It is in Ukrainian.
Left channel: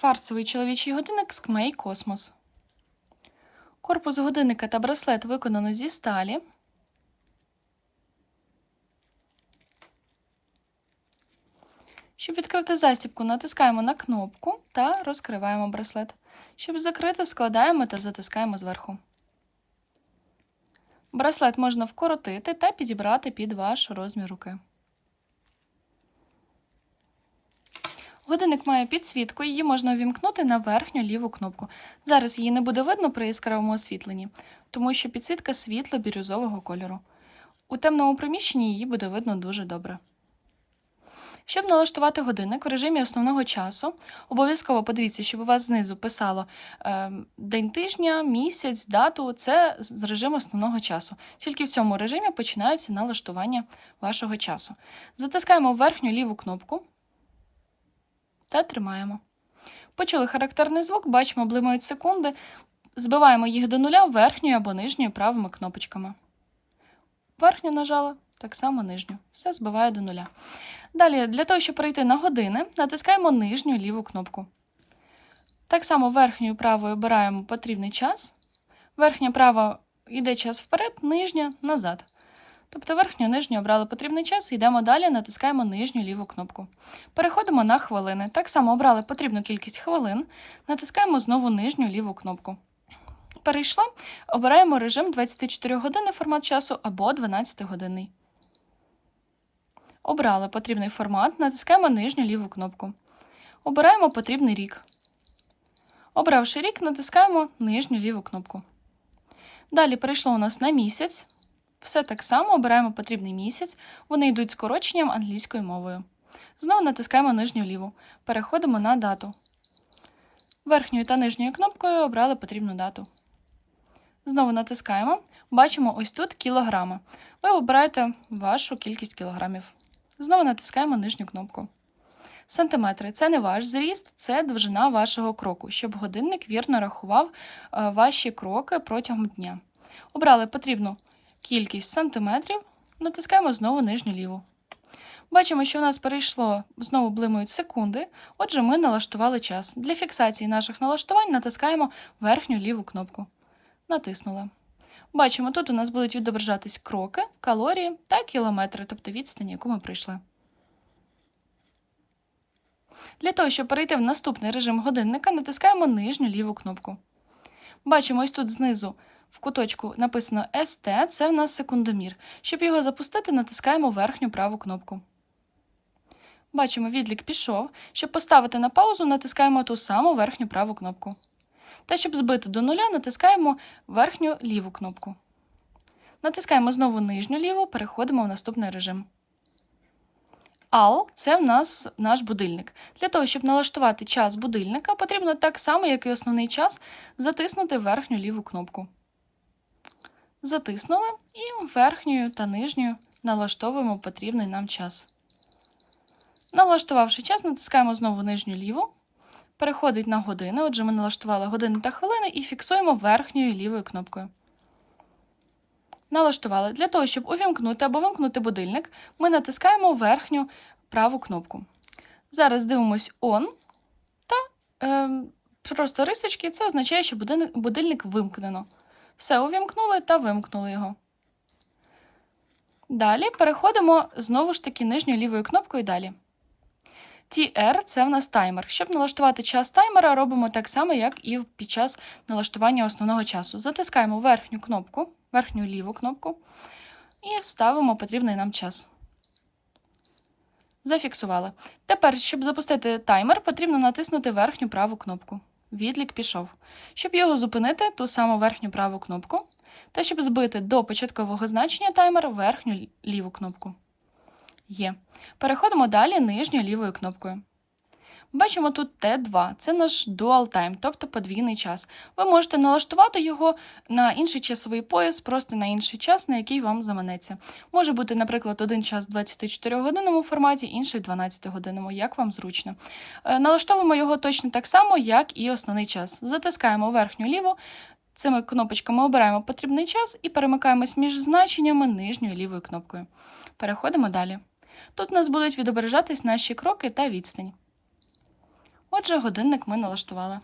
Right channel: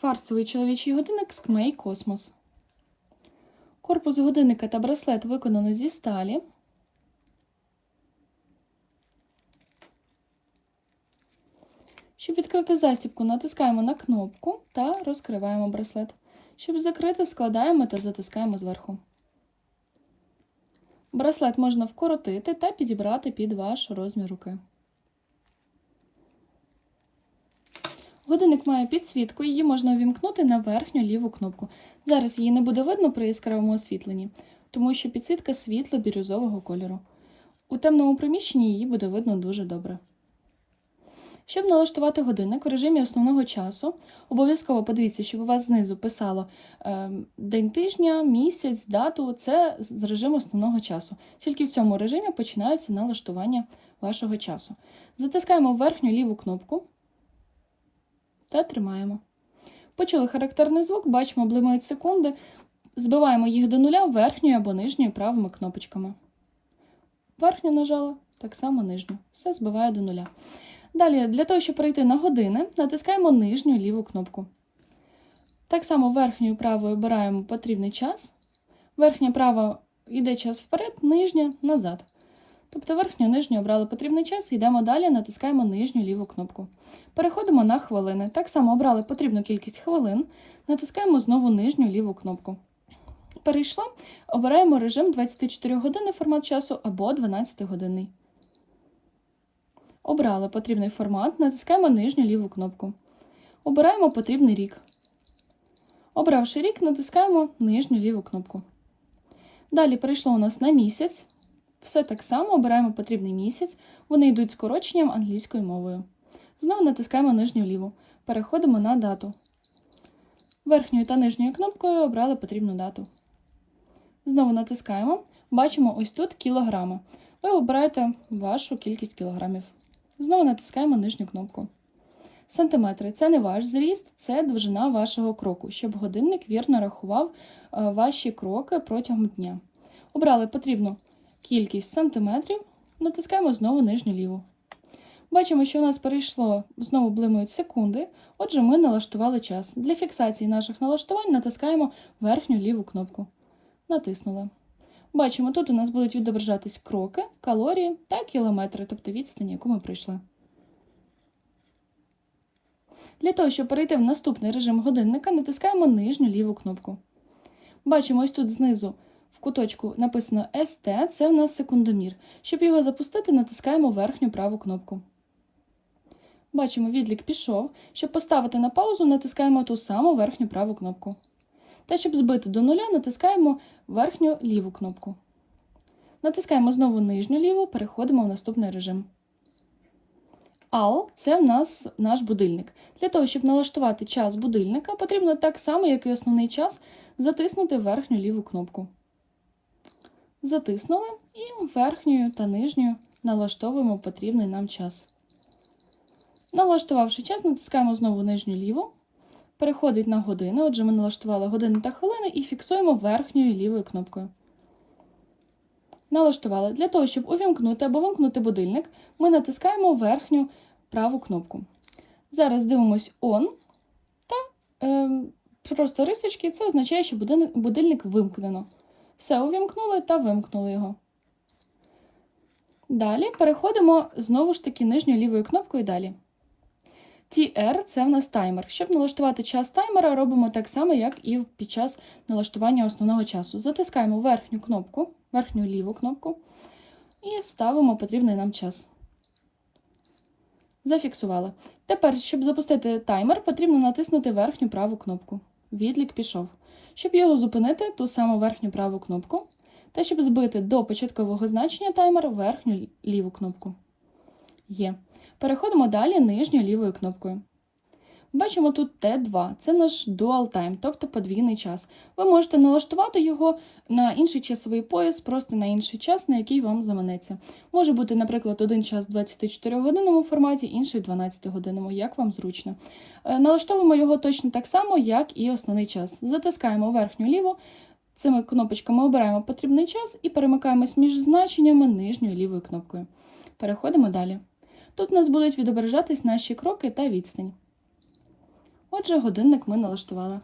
Кварцевий чоловічий годинник з Кмей Космос. Корпус годинника та браслет виконано зі сталі. Щоб відкрити застібку, натискаємо на кнопку та розкриваємо браслет. Щоб закрити, складаємо та затискаємо зверху. Браслет можна вкоротити та підібрати під ваш розмір руки. Годинник має підсвітку, її можна увімкнути на верхню ліву кнопку. Зараз її не буде видно при яскравому освітленні, тому що підсвітка світло-бірюзового кольору. У темному приміщенні її буде видно дуже добре. Щоб налаштувати годинник в режимі основного часу, обов'язково подивіться, щоб у вас знизу писало е, день тижня, місяць, дату це з режиму основного часу. Тільки в цьому режимі починається налаштування вашого часу. Затискаємо верхню ліву кнопку та тримаємо. Почули характерний звук, бачимо, блимають секунди. Збиваємо їх до нуля верхньою або нижньою правими кнопочками. Верхню нажали, так само нижню. Все збиває до нуля. Далі, для того, щоб перейти на години, натискаємо нижню ліву кнопку. Так само верхньою правою обираємо потрібний час. Верхня права йде час вперед, нижня назад. Тобто верхню нижню обрали потрібний час, йдемо далі, натискаємо нижню ліву кнопку. Переходимо на хвилини. Так само обрали потрібну кількість хвилин, натискаємо знову нижню ліву кнопку. Перейшла, обираємо режим 24 години формат часу або 12 годинний. Обрали потрібний формат, натискаємо нижню ліву кнопку. Обираємо потрібний рік. Обравши рік, натискаємо нижню ліву кнопку. Далі перейшло у нас на місяць. Все так само обираємо потрібний місяць, вони йдуть скороченням англійською мовою. Знову натискаємо нижню ліву. Переходимо на дату. Верхньою та нижньою кнопкою обрали потрібну дату. Знову натискаємо. Бачимо ось тут кілограми. Ви обираєте вашу кількість кілограмів. Знову натискаємо нижню кнопку. Сантиметри це не ваш зріст, це довжина вашого кроку, щоб годинник вірно рахував е, ваші кроки протягом дня. Обрали потрібну кількість сантиметрів, натискаємо знову нижню ліву. Бачимо, що у нас перейшло, знову блимають секунди, отже, ми налаштували час. Для фіксації наших налаштувань натискаємо верхню ліву кнопку. Натиснули. Бачимо, тут у нас будуть відображатись кроки, калорії та кілометри, тобто відстань, яку ми пройшли. Для того, щоб перейти в наступний режим годинника, натискаємо нижню ліву кнопку. Бачимо, ось тут знизу в куточку написано ST, це в нас секундомір. Щоб його запустити, натискаємо верхню праву кнопку. Бачимо, відлік пішов. Щоб поставити на паузу, натискаємо ту саму верхню праву кнопку. Та щоб збити до нуля, натискаємо верхню ліву кнопку. Натискаємо знову нижню ліву, переходимо в наступний режим. AL – це в нас наш будильник. Для того, щоб налаштувати час будильника, потрібно так само, як і основний час, затиснути верхню ліву кнопку. Затиснули і верхньою та нижньою налаштовуємо потрібний нам час. Налаштувавши час, натискаємо знову нижню ліву. Переходить на години. Отже, ми налаштували години та хвилини і фіксуємо верхньою лівою кнопкою. Налаштували. Для того, щоб увімкнути або вимкнути будильник, ми натискаємо верхню праву кнопку. Зараз дивимось On та е, просто рисочки. Це означає, що будильник, вимкнено. Все, увімкнули та вимкнули його. Далі переходимо знову ж таки нижньою лівою кнопкою далі. TR – це в нас таймер. Щоб налаштувати час таймера, робимо так само, як і під час налаштування основного часу. Затискаємо верхню кнопку, верхню ліву кнопку і ставимо потрібний нам час. Зафіксували. Тепер, щоб запустити таймер, потрібно натиснути верхню праву кнопку. Відлік пішов. Щоб його зупинити, ту саму верхню праву кнопку. Та щоб збити до початкового значення таймер верхню ліву кнопку. Є. Переходимо далі нижньою лівою кнопкою. Бачимо тут Т2, це наш dual time, тобто подвійний час. Ви можете налаштувати його на інший часовий пояс, просто на інший час, на який вам заманеться. Може бути, наприклад, один час в 24-годинному форматі, інший в 12-годинному, як вам зручно. Е, налаштовуємо його точно так само, як і основний час. Затискаємо верхню ліву, цими кнопочками обираємо потрібний час і перемикаємось між значеннями нижньою лівою кнопкою. Переходимо далі. Тут у нас будуть відображатись наші кроки та відстань. Отже, годинник ми налаштували.